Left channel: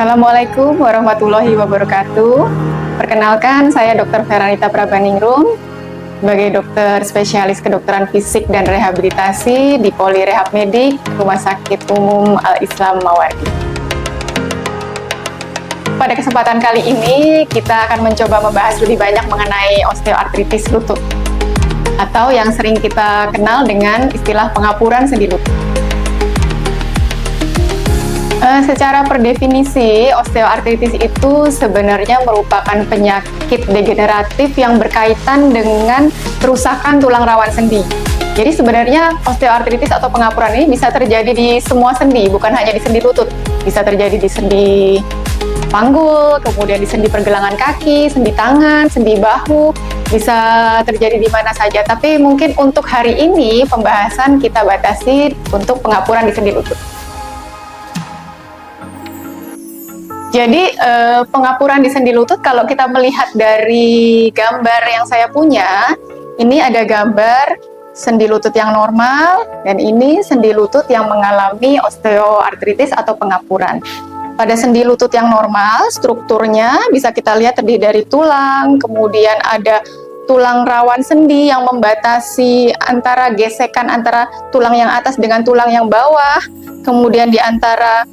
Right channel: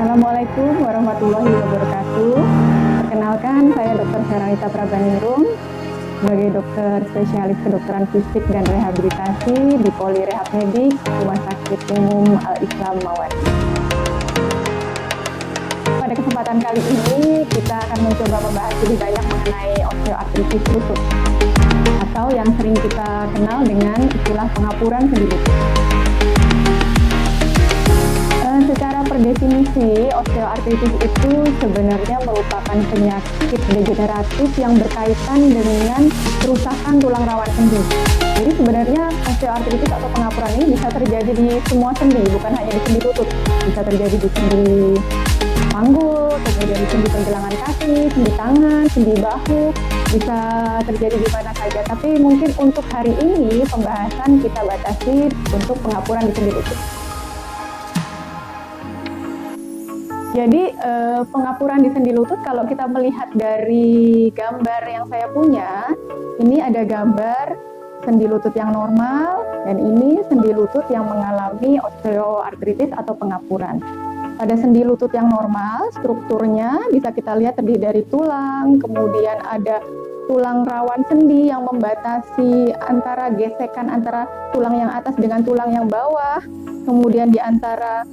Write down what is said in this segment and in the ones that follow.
Assalamualaikum warahmatullahi wabarakatuh. Perkenalkan, saya Dr. Feranita Prabaningrum sebagai dokter spesialis kedokteran fisik dan rehabilitasi di Poli Rehab Medik Rumah Sakit Umum Al-Islam Mawardi. Pada kesempatan kali ini, kita akan mencoba membahas lebih banyak mengenai osteoartritis lutut atau yang sering kita kenal dengan istilah pengapuran sendi lutut. Secara per definisi, osteoartritis itu sebenarnya merupakan penyakit degeneratif yang berkaitan dengan kerusakan tulang rawan sendi. Jadi sebenarnya osteoartritis atau pengapuran ini bisa terjadi di semua sendi, bukan hanya di sendi lutut. Bisa terjadi di sendi panggul, kemudian di sendi pergelangan kaki, sendi tangan, sendi bahu, bisa terjadi di mana saja. Tapi mungkin untuk hari ini pembahasan kita batasi untuk pengapuran di sendi lutut. Jadi pengapuran di sendi lutut, kalau kita melihat dari gambar yang saya punya, ini ada gambar sendi lutut yang normal, dan ini sendi lutut yang mengalami osteoartritis atau pengapuran. Pada sendi lutut yang normal, strukturnya bisa kita lihat terdiri dari tulang, kemudian ada tulang rawan sendi yang membatasi antara gesekan antara tulang yang atas dengan tulang yang bawah, kemudian di antara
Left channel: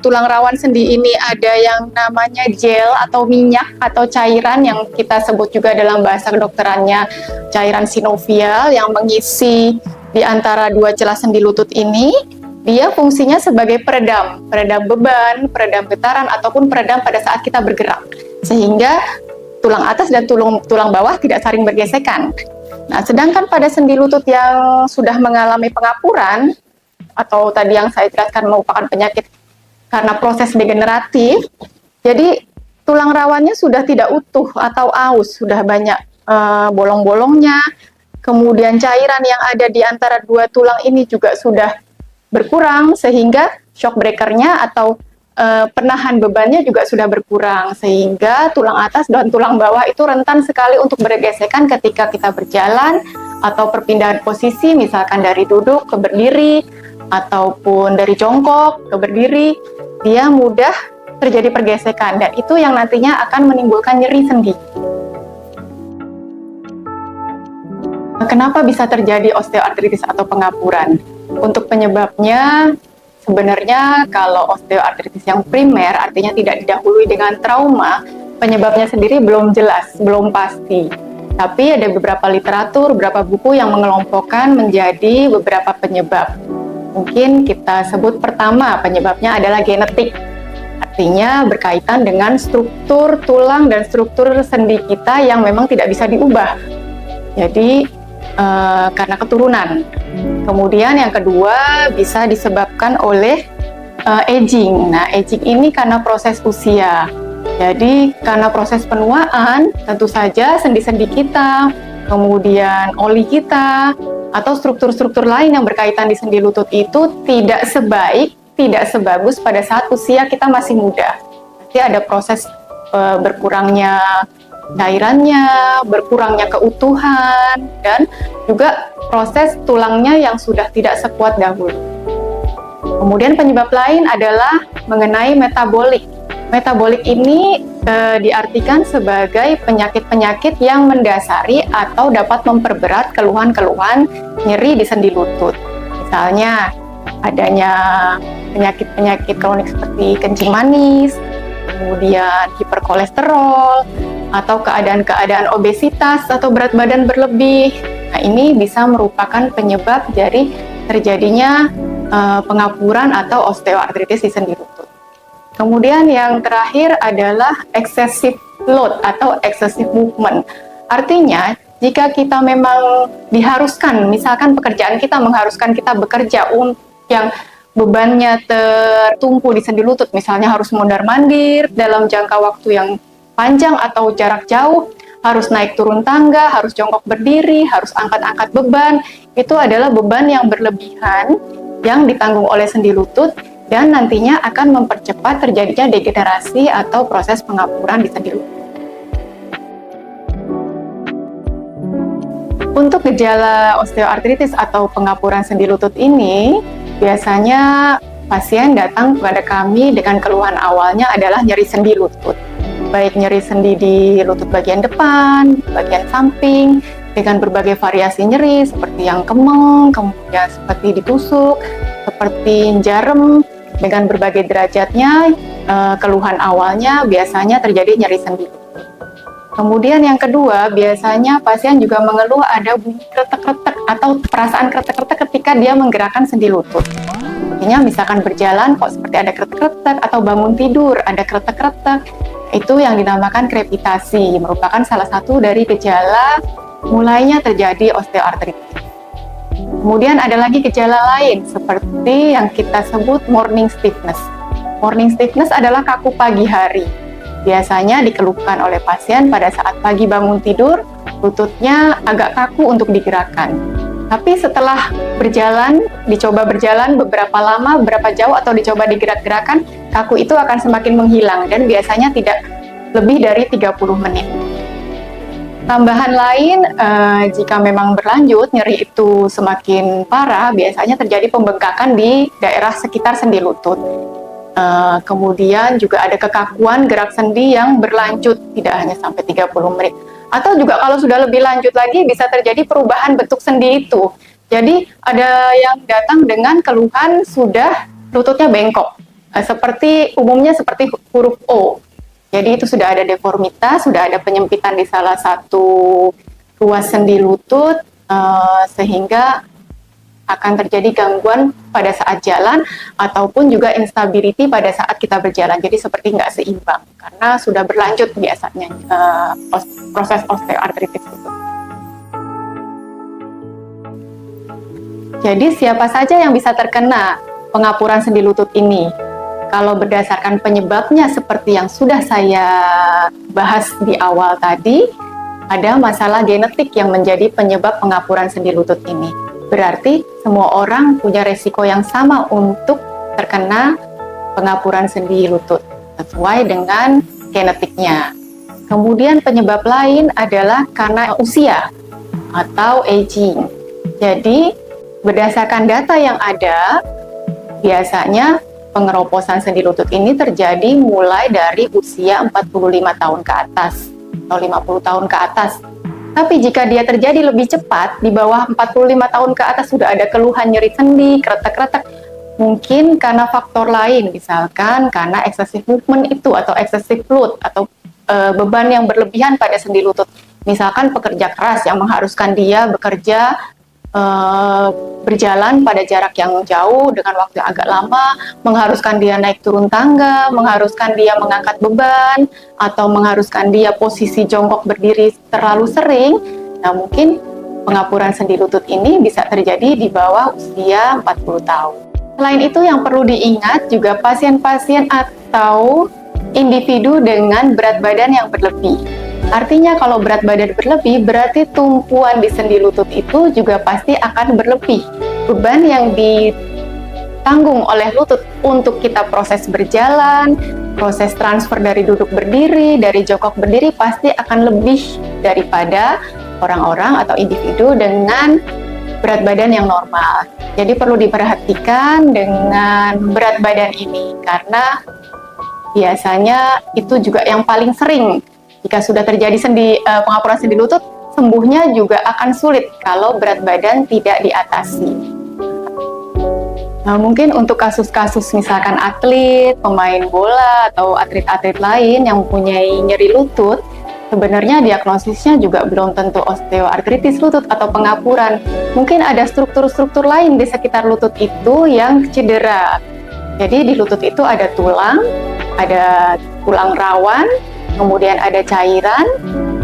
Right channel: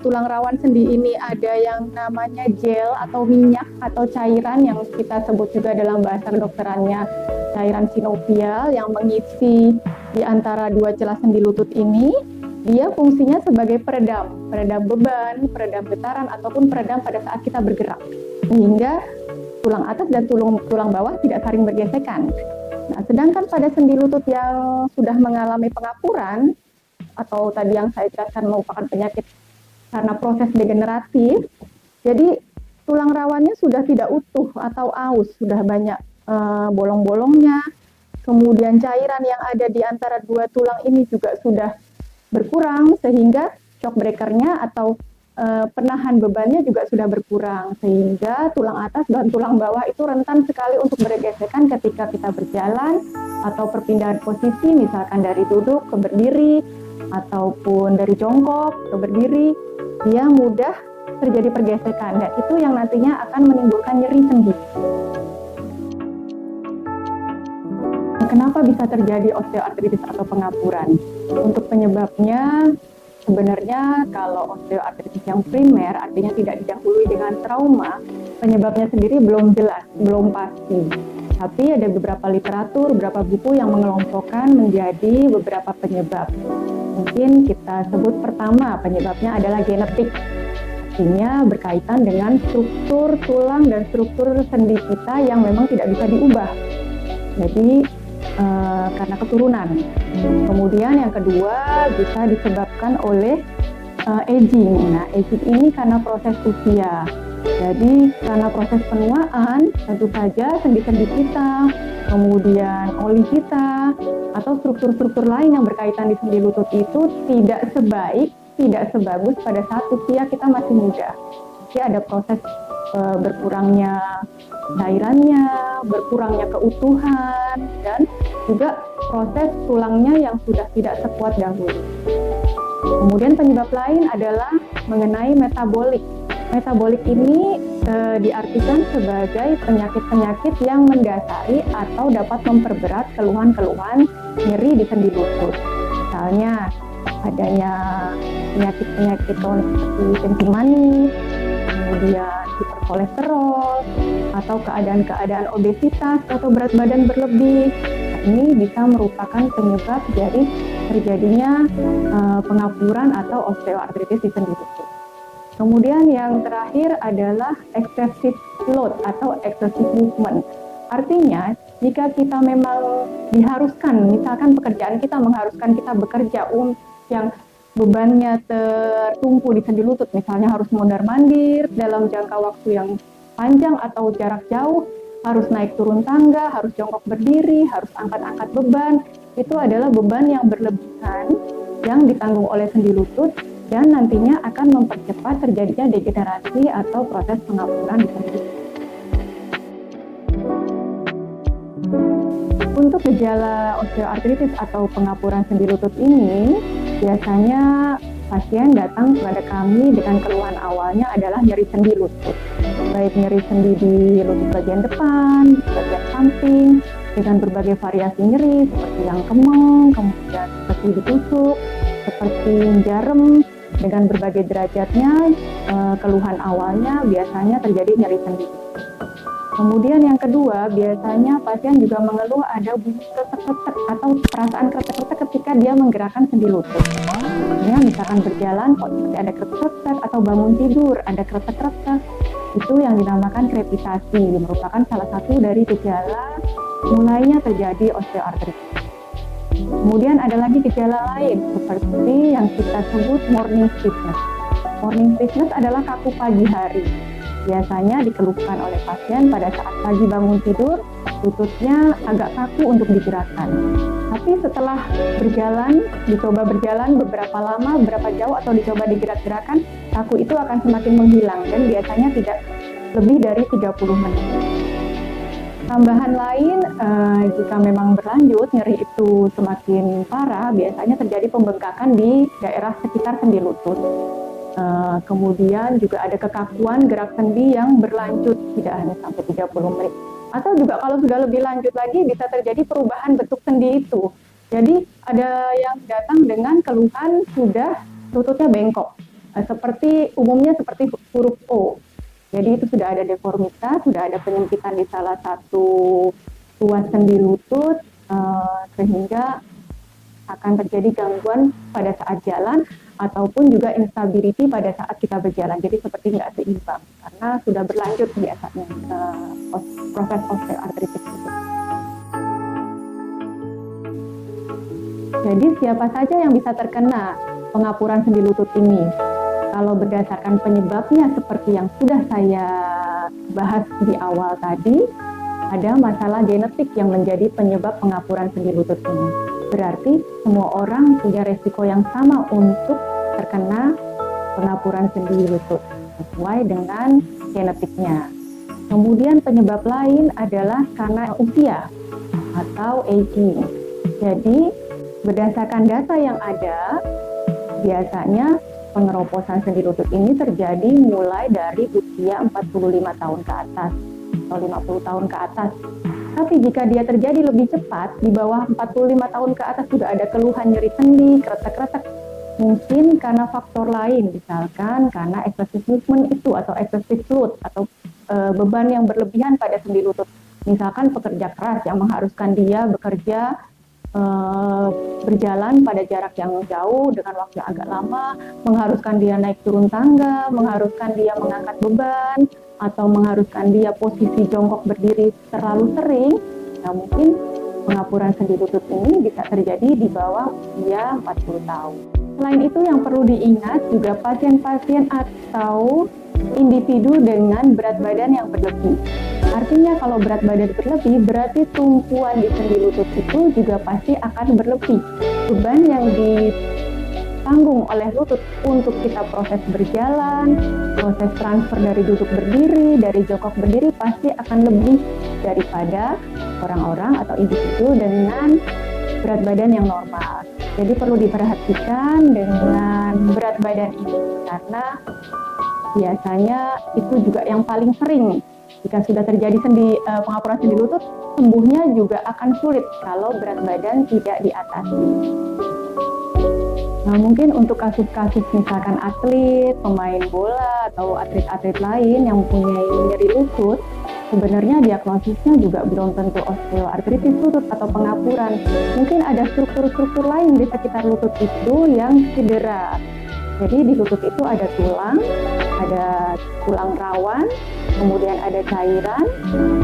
tulang rawan sendi ini ada yang namanya gel atau minyak atau cairan yang kita sebut juga dalam bahasa kedokterannya cairan sinovial yang mengisi di antara dua celah sendi lutut ini. Dia fungsinya sebagai peredam beban, peredam getaran ataupun peredam pada saat kita bergerak, sehingga tulang atas dan tulang bawah tidak saling bergesekan. Nah, sedangkan pada sendi lutut yang sudah mengalami pengapuran atau tadi yang saya jelaskan merupakan penyakit karena proses degeneratif, jadi tulang rawannya sudah tidak utuh atau aus, sudah banyak bolong-bolongnya, kemudian cairan yang ada di antara dua tulang ini juga sudah berkurang, sehingga shock breaker-nya atau penahan bebannya juga sudah berkurang, sehingga tulang atas dan tulang bawah itu rentan sekali untuk bergesekan ketika kita berjalan atau perpindahan posisi, misalkan dari duduk ke berdiri, ataupun dari jongkok ke berdiri, dia mudah terjadi pergesekan, dan itu yang nantinya akan menimbulkan nyeri sendi. Kenapa bisa terjadi osteoartritis atau pengapuran? Untuk penyebabnya, sebenarnya kalau osteoartritis yang primer, artinya tidak didahului dengan trauma, penyebabnya sendiri belum jelas, belum pasti. Tapi ada beberapa literatur, beberapa buku yang mengelompokkan menjadi beberapa penyebab. Mungkin kita sebut pertama, penyebabnya adalah genetik. Artinya berkaitan dengan struktur tulang dan struktur sendi kita yang memang tidak bisa diubah. Jadi karena keturunan. Kemudian yang kedua bisa disebabkan oleh aging. Nah, aging ini karena proses usia. Jadi karena proses penuaan, tentu saja sendi-sendi kita, kemudian oli kita, atau struktur-struktur lain yang berkaitan di sendi lutut itu tidak sebaik, tidak sebagus pada saat usia kita masih muda. Jadi ada proses berkurangnya cairannya, berkurangnya keutuhan, dan juga proses tulangnya yang sudah tidak sekuat dahulu. Kemudian penyebab lain adalah mengenai metabolik. Metabolik ini diartikan sebagai penyakit-penyakit yang mendasari atau dapat memperberat keluhan-keluhan nyeri di sendi lutut. Misalnya adanya penyakit-penyakit kronik seperti kencing manis, kemudian hiperkolesterol, atau keadaan-keadaan obesitas atau berat badan berlebih. Nah, ini bisa merupakan penyebab dari terjadinya pengapuran atau osteoartritis di sendi lutut. Kemudian yang terakhir adalah excessive load atau excessive movement. Artinya, jika kita memang diharuskan, misalkan pekerjaan kita mengharuskan kita bekerja yang bebannya tertumpu di sendi lutut, misalnya harus mondar-mandir dalam jangka waktu yang panjang atau jarak jauh, harus naik turun tangga, harus jongkok berdiri, harus angkat-angkat beban, itu adalah beban yang berlebihan yang ditanggung oleh sendi lutut, dan nantinya akan mempercepat terjadinya degenerasi atau proses pengapuran di sendi lutut. Untuk gejala osteoartritis atau pengapuran sendi lutut ini biasanya pasien datang kepada kami dengan keluhan awalnya adalah nyeri sendi lutut. Baik nyeri sendi di lutut bagian depan, bagian samping, dengan berbagai variasi nyeri seperti yang kemeng, kemudian seperti ditusuk, seperti jarum, dengan berbagai derajatnya. Keluhan awalnya biasanya terjadi nyeri sendi. Kemudian yang kedua, biasanya pasien juga mengeluh ada bunyi kretek-kretek atau perasaan kretek-kretek ketika dia menggerakkan sendi lutut. Artinya misalkan berjalan kok seperti ada kretek-kretek, atau bangun tidur ada kretek-kretek. Itu yang dinamakan krepitasi, merupakan salah satu dari gejala mulainya terjadi osteoartritis. Kemudian ada lagi gejala lain seperti yang kita sebut morning stiffness. Morning stiffness adalah kaku pagi hari. Biasanya dikeluhkan oleh pasien pada saat pagi bangun tidur, lututnya agak kaku untuk digerakkan. Tapi setelah dicoba berjalan beberapa lama, beberapa jauh, atau dicoba digerak-gerakan, kaku itu akan semakin menghilang dan biasanya tidak lebih dari 30 menit. Tambahan lain, jika memang berlanjut, nyeri itu semakin parah, biasanya terjadi pembengkakan di daerah sekitar sendi lutut. Kemudian juga ada kekakuan gerak sendi yang berlanjut, tidak hanya sampai 30 menit. Atau juga kalau sudah lebih lanjut lagi, bisa terjadi perubahan bentuk sendi itu. Jadi ada yang datang dengan keluhan sudah lututnya bengkok, umumnya seperti huruf O. Jadi itu sudah ada deformitas, sudah ada penyempitan di salah satu ruas sendi lutut, sehingga akan terjadi gangguan pada saat jalan ataupun juga instability pada saat kita berjalan. Jadi seperti nggak seimbang karena sudah berlanjut biasanya proses osteoartritis itu. Jadi siapa saja yang bisa terkena pengapuran sendi lutut ini? Kalau berdasarkan penyebabnya seperti yang sudah saya bahas di awal tadi, ada masalah genetik yang menjadi penyebab pengapuran sendi lutut ini. Berarti semua orang punya resiko yang sama untuk terkena pengapuran sendi lutut sesuai dengan genetiknya. Kemudian penyebab lain adalah karena usia atau aging. Jadi berdasarkan data yang ada, biasanya pengeroposan sendi lutut ini terjadi mulai dari usia 45 tahun ke atas atau 50 tahun ke atas. Tapi jika dia terjadi lebih cepat, di bawah 45 tahun ke atas sudah ada keluhan nyeri sendi, kretek-kretek, mungkin karena faktor lain, misalkan karena excessive movement itu atau excessive load atau beban yang berlebihan pada sendi lutut. Misalkan pekerja keras yang mengharuskan dia bekerja berjalan pada jarak yang jauh dengan waktu yang agak lama, mengharuskan dia naik turun tangga, mengharuskan dia mengangkat beban, atau mengharuskan dia posisi jongkok berdiri terlalu sering. Nah, mungkin pengapuran sendi lutut ini bisa terjadi di bawah usia 40 tahun. Selain itu yang perlu diingat juga pasien-pasien atau individu dengan berat badan yang berlebih. Artinya kalau berat badan berlebih berarti tumpuan di sendi lutut itu juga pasti akan berlebih. Beban yang ditanggung oleh lutut untuk kita proses berjalan, proses transfer dari duduk berdiri, dari jongkok berdiri pasti akan lebih daripada orang-orang atau individu dengan berat badan yang normal. Jadi perlu diperhatikan dengan berat badan ini karena biasanya itu juga yang paling sering. Jika sudah terjadi pengapuran sendi lutut, sembuhnya juga akan sulit kalau berat badan tidak diatasi. Nah, mungkin untuk kasus-kasus misalkan atlet, pemain bola, atau atlet-atlet lain yang mempunyai nyeri lutut, sebenarnya diagnosisnya juga belum tentu osteoartritis lutut atau pengapuran. Mungkin ada struktur-struktur lain di sekitar lutut itu yang cedera. Jadi di lutut itu ada tulang rawan, kemudian ada cairan,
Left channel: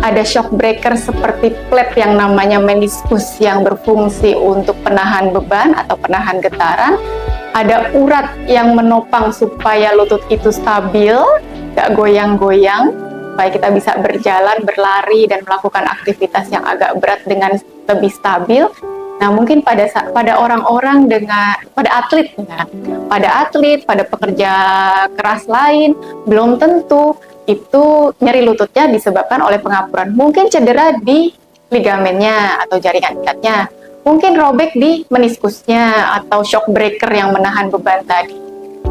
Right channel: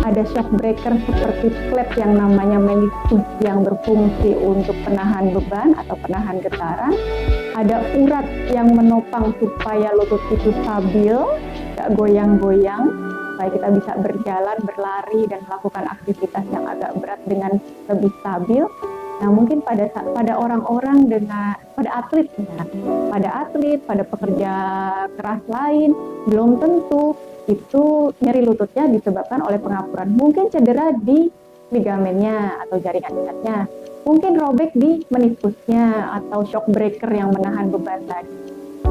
ada shock breaker seperti plate yang namanya meniskus yang berfungsi untuk penahan beban atau penahan getaran, ada urat yang menopang supaya lutut itu stabil, gak goyang-goyang, supaya kita bisa berjalan, berlari, dan melakukan aktivitas yang agak berat dengan lebih stabil. Nah, mungkin pada orang-orang pada atlet, pada pekerja keras lain, belum tentu itu nyeri lututnya disebabkan oleh pengapuran. Mungkin cedera di ligamennya atau jaringan ikatnya, mungkin robek di meniskusnya atau shock breaker yang menahan beban tadi.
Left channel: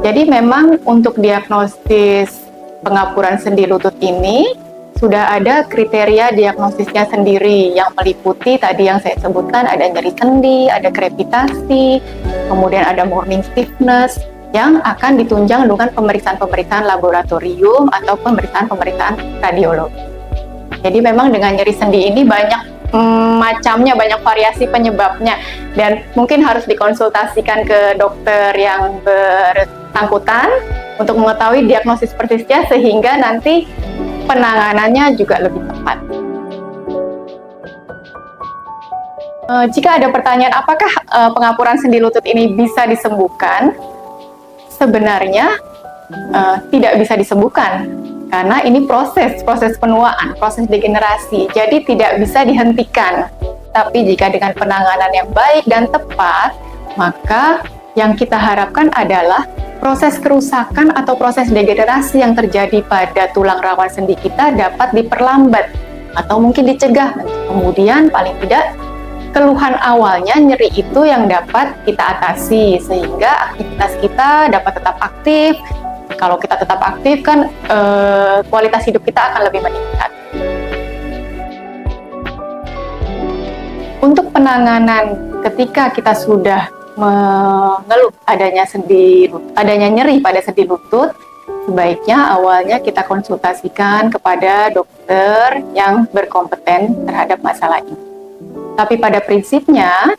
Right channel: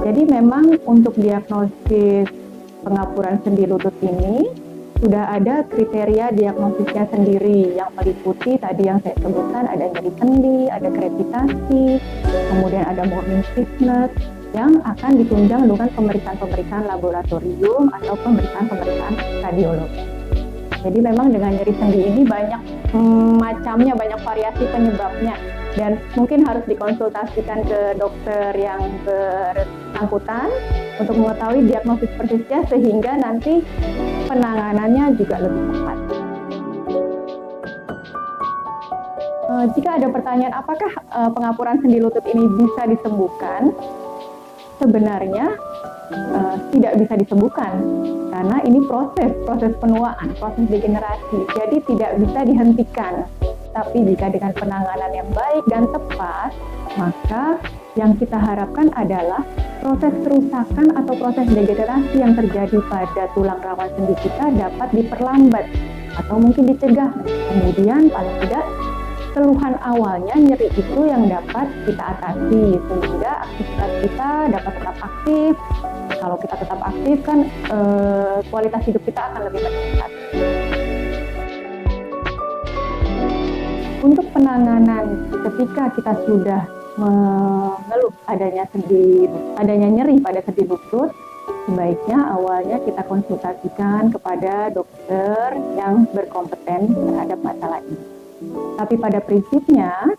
Jadi memang untuk diagnosis pengapuran sendi lutut ini sudah ada kriteria diagnosisnya sendiri yang meliputi tadi yang saya sebutkan, ada nyeri sendi, ada krepitasi, kemudian ada morning stiffness yang akan ditunjang dengan pemeriksaan-pemeriksaan laboratorium atau pemeriksaan-pemeriksaan radiologi. Jadi memang dengan nyeri sendi ini banyak macamnya, banyak variasi penyebabnya, dan mungkin harus dikonsultasikan ke dokter yang bersangkutan untuk mengetahui diagnosis persisnya sehingga nanti penanganannya juga lebih tepat. Jika ada pertanyaan apakah pengapuran sendi lutut ini bisa disembuhkan, sebenarnya tidak bisa disembuhkan karena ini proses penuaan, proses degenerasi, jadi tidak bisa dihentikan. Tapi jika dengan penanganan yang baik dan tepat, maka yang kita harapkan adalah proses kerusakan atau proses degenerasi yang terjadi pada tulang rawan sendi kita dapat diperlambat atau mungkin dicegah. Kemudian paling tidak keluhan awalnya nyeri itu yang dapat kita atasi sehingga aktivitas kita dapat tetap aktif. Kalau kita tetap aktif kan kualitas hidup kita akan lebih meningkat. Untuk penanganan ketika kita sudah mengeluh adanya nyeri pada sendi lutut, sebaiknya awalnya kita konsultasikan kepada dokter yang berkompeten terhadap masalah ini. Tapi pada prinsipnya,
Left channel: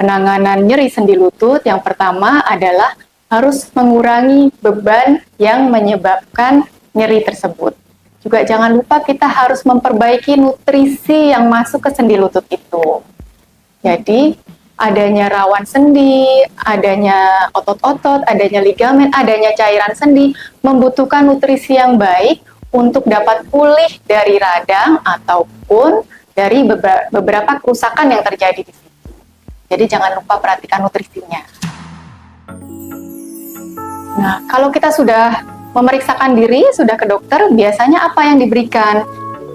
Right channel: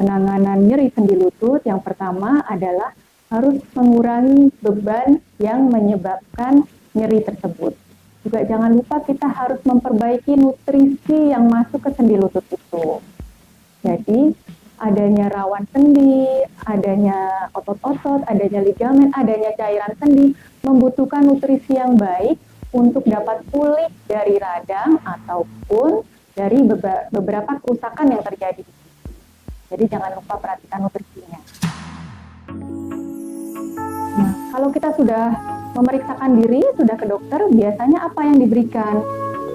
penanganan nyeri sendi lutut yang pertama adalah harus mengurangi beban yang menyebabkan nyeri tersebut. Juga jangan lupa kita harus memperbaiki nutrisi yang masuk ke sendi lutut itu. Jadi, adanya rawan sendi, adanya otot-otot, adanya ligamen, adanya cairan sendi membutuhkan nutrisi yang baik untuk dapat pulih dari radang ataupun dari beberapa kerusakan yang terjadi di sini. Jadi jangan lupa perhatikan nutrisinya. Nah, kalau kita sudah memeriksakan diri, sudah ke dokter, biasanya apa yang diberikan?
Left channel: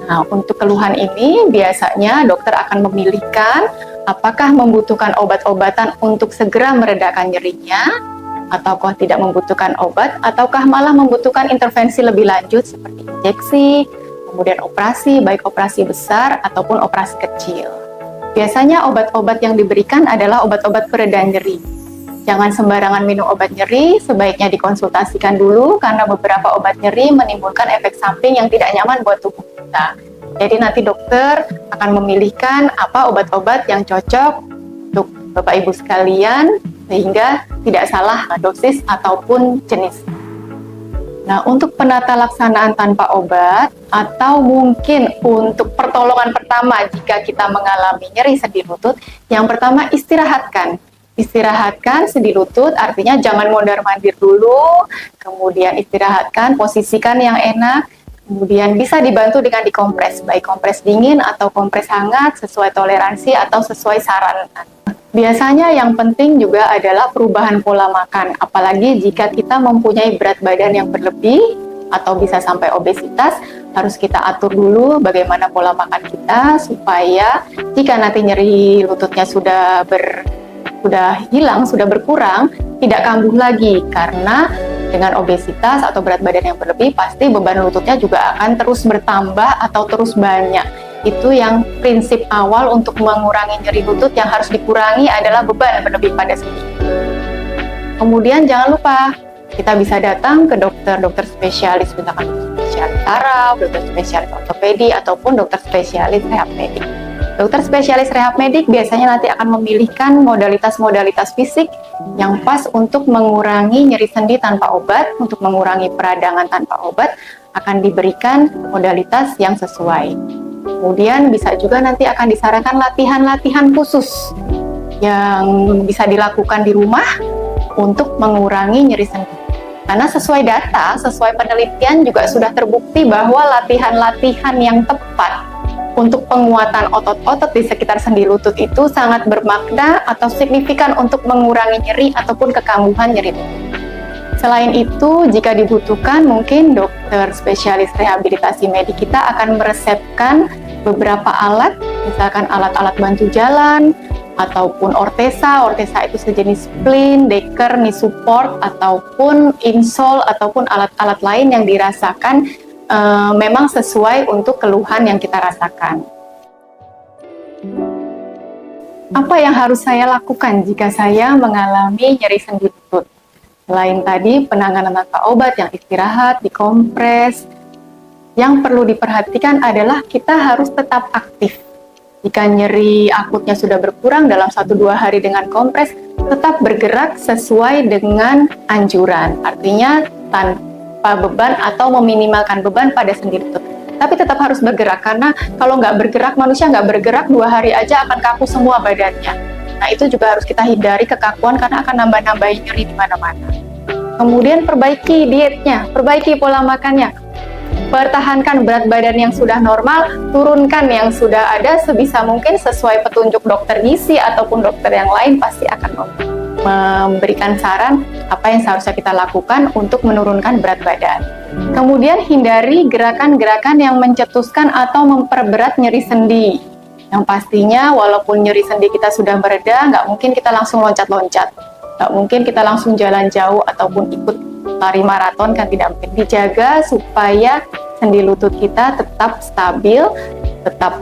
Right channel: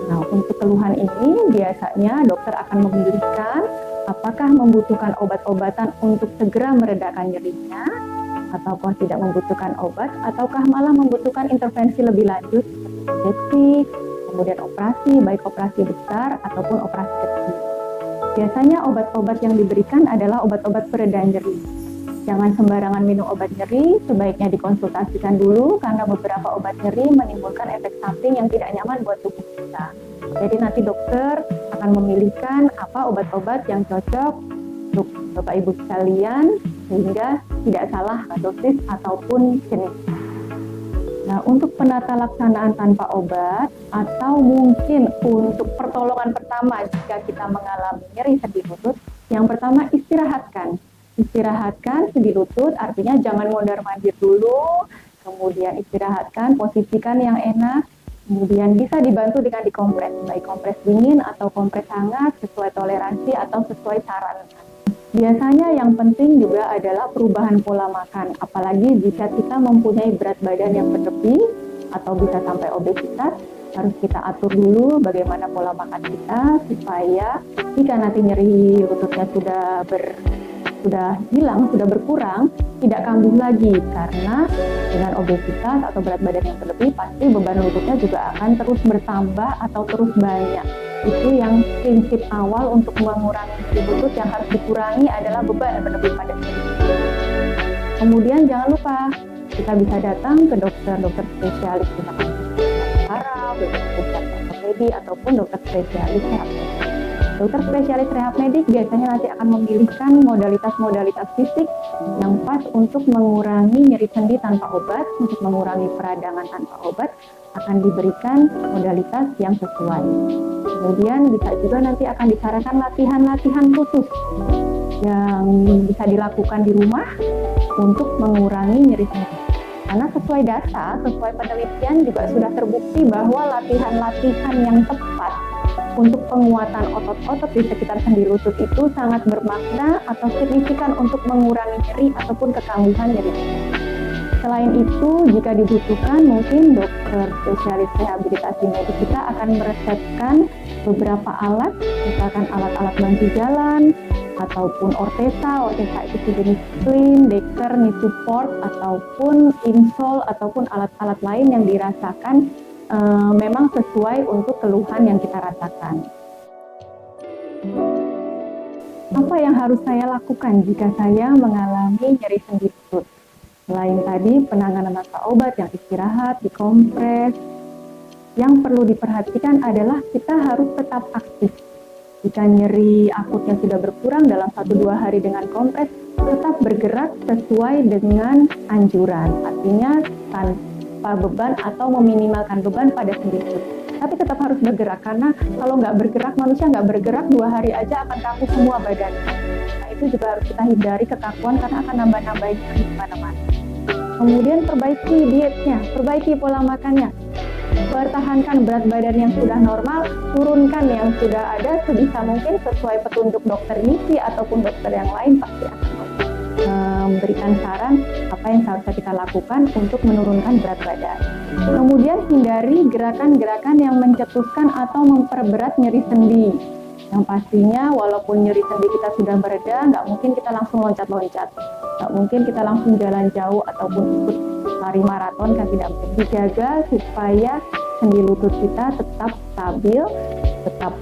Nah, untuk keluhan ini biasanya dokter akan memilihkan apakah membutuhkan obat-obatan untuk segera meredakan nyerinya, ataukah tidak membutuhkan obat, ataukah malah membutuhkan intervensi lebih lanjut seperti injeksi, kemudian operasi, baik operasi besar ataupun operasi kecil. Biasanya obat-obat yang diberikan adalah obat-obat pereda nyeri. Jangan sembarangan minum obat nyeri, sebaiknya dikonsultasikan dulu karena beberapa obat nyeri menimbulkan efek samping yang tidak nyaman buat tubuh kita. Jadi nanti dokter akan memilihkan apa obat-obat yang cocok untuk Bapak Ibu sekalian sehingga tidak salah dosis ataupun jenis. Nah, untuk penata laksanaan tanpa obat atau mungkin untuk pertolongan pertama jika kita mengalami nyeri sendi lutut, yang pertama istirahatkan. Istirahatkan sendi lutut artinya jangan mondar-mandir dulu, kemudian istirahatkan, posisikan yang enak. Kemudian bisa dibantu dengan dikompres, baik kompres dingin atau kompres hangat sesuai toleransi atau sesuai saran. Biasanya yang penting juga adalah perubahan pola makan, apalagi jika kita mempunyai berat badan yang berlebih atau bisa sampai obesitas, harus kita atur dulu bagaimana pola makan kita supaya jika nanti nyeri lututnya sudah hilang, sudah berkurang, tidak kambuh lagi karena dengan obesitas atau berat badan yang berlebih, pasti beban lututnya juga akan terus bertambah atau terus banyak. Itu yang prinsip awal untuk mengurangi nyeri lutut yang harus dikurangi adalah beban berlebih pada sendi. Kemudian jangan lupa, kita bisa datang ke dokter spesialis, misalkan spesialis saraf, dokter spesialis ortopedi, ataupun dokter spesialis rehab medik. Dokter spesialis rehab medik biasanya nanti akan memilihkan modalitas-modalitas fisik yang pas untuk mengurangi nyeri sendi tanpa obat, untuk mengurangi peradangan tanpa obat, akan diberikan modalitas yang sesuai. Kemudian bisa juga nanti akan disarankan latihan-latihan khusus yang bisa dilakukan di rumah untuk mengurangi nyeri sendi. Karena sesuai data, sesuai penelitian juga sudah terbukti bahwa latihan-latihan yang tepat untuk penguatan otot-otot di sekitar sendi lutut itu sangat bermakna atau signifikan untuk mengurangi nyeri ataupun kekambuhan nyeri lutut. Selain itu, jika dibutuhkan, mungkin dokter spesialis rehabilitasi medik kita akan meresepkan beberapa alat, misalkan alat-alat bantu jalan, ataupun ortesa. Ortesa itu sejenis splint, deker, knee support, ataupun insole, ataupun alat-alat lain yang dirasakan memang sesuai untuk keluhan yang kita rasakan. Apa yang harus saya lakukan jika saya mengalami nyeri sendi lutut? Selain tadi penanganan tanpa obat yang istirahat, dikompres, yang perlu diperhatikan adalah kita harus tetap aktif. Jika nyeri akutnya sudah berkurang dalam 1-2 hari dengan kompres, tetap bergerak sesuai dengan anjuran. Artinya tanpa beban atau meminimalkan beban pada sendi lutut. Tapi tetap harus bergerak, karena kalau nggak bergerak, manusia nggak bergerak 2 hari aja akan kaku semua badannya. Nah, itu juga harus kita hindari kekakuan karena akan nambah-nambahin nyeri di mana-mana. Kemudian perbaiki dietnya, perbaiki pola makannya. Pertahankan berat badan yang sudah normal, turunkan yang sudah ada sebisa mungkin sesuai petunjuk dokter gizi ataupun dokter yang lain pasti akan memberikan saran apa yang seharusnya kita lakukan untuk menurunkan berat badan. Kemudian hindari gerakan-gerakan yang mencetuskan atau memperberat nyeri sendi. Yang pastinya walaupun nyeri sendi kita sudah mereda, nggak mungkin kita langsung loncat-loncat. Nggak mungkin kita langsung jalan jauh ataupun ikut lari maraton, kan tidak mungkin. Dijaga supaya sendi lutut kita tetap stabil, tetap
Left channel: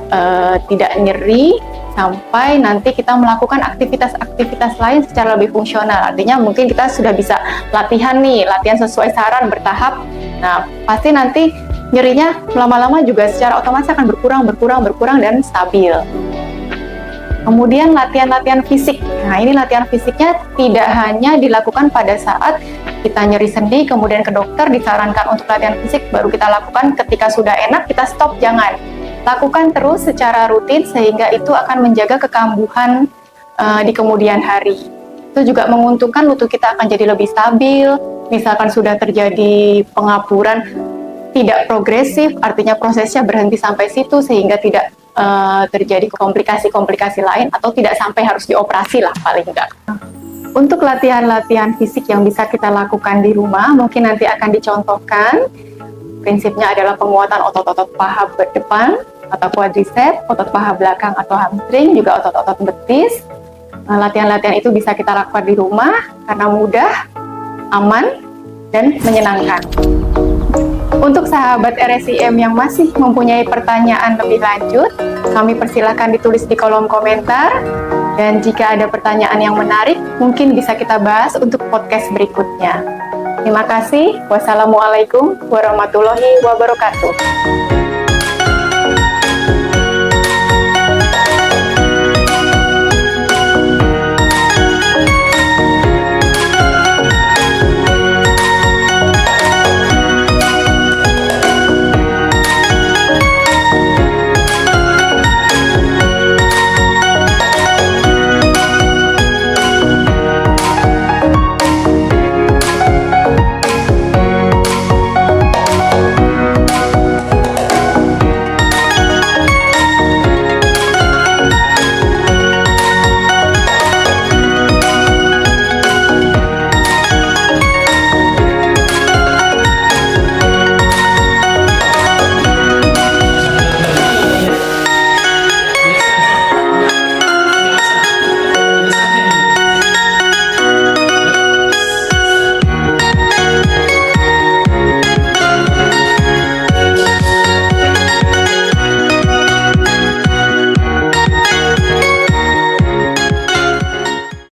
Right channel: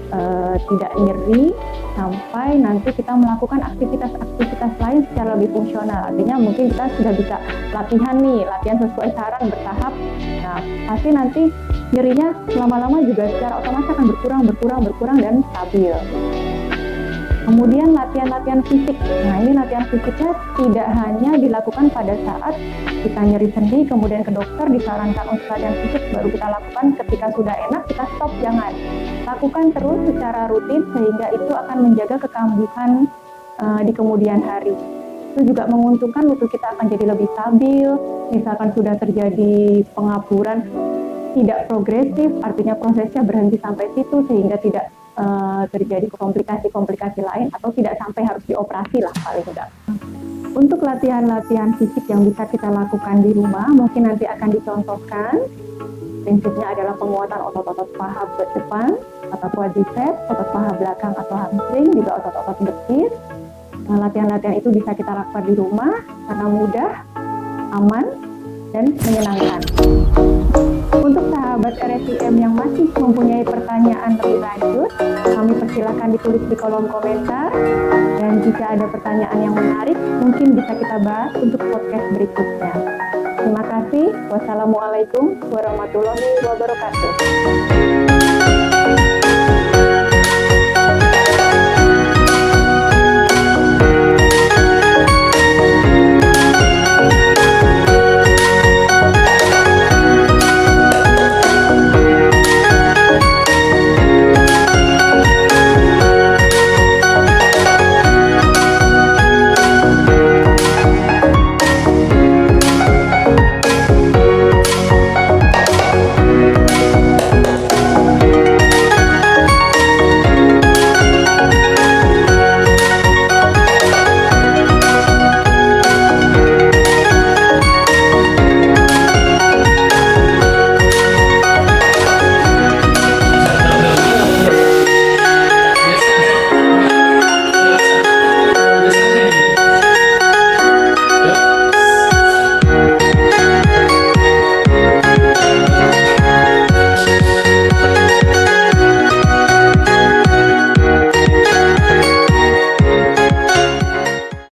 tidak nyeri, sampai nanti kita melakukan aktivitas-aktivitas lain secara lebih fungsional. Artinya mungkin kita sudah bisa latihan sesuai saran bertahap. Nah, pasti nanti nyerinya lama-lama juga secara otomatis akan berkurang dan stabil. Kemudian latihan-latihan fisik. Nah, ini latihan fisiknya tidak hanya dilakukan pada saat kita nyeri sendi, kemudian ke dokter disarankan untuk latihan fisik, baru kita lakukan ketika sudah enak, kita stop, jangan. Lakukan terus secara rutin sehingga itu akan menjaga kekambuhan di kemudian hari. Itu juga menguntungkan lutut kita akan jadi lebih stabil. Misalkan sudah terjadi pengapuran, tidak progresif, artinya prosesnya berhenti sampai situ sehingga tidak terjadi komplikasi-komplikasi lain atau tidak sampai harus dioperasi lah paling enggak. Untuk latihan-latihan fisik yang bisa kita lakukan di rumah, mungkin nanti akan dicontohkan. Prinsipnya adalah penguatan otot-otot paha depan atau quadriceps, otot paha belakang atau hamstring, juga otot-otot betis. Latihan-latihan itu bisa kita lakukan di rumah karena mudah, aman, dan menyenangkan. Untuk sahabat RSIM yang masih mempunyai pertanyaan lebih lanjut, kami persilahkan ditulis di kolom komentar. Dan jika ada pertanyaan yang menarik, mungkin bisa kita bahas untuk podcast berikutnya. Terima kasih. Wassalamualaikum warahmatullahi wabarakatuh.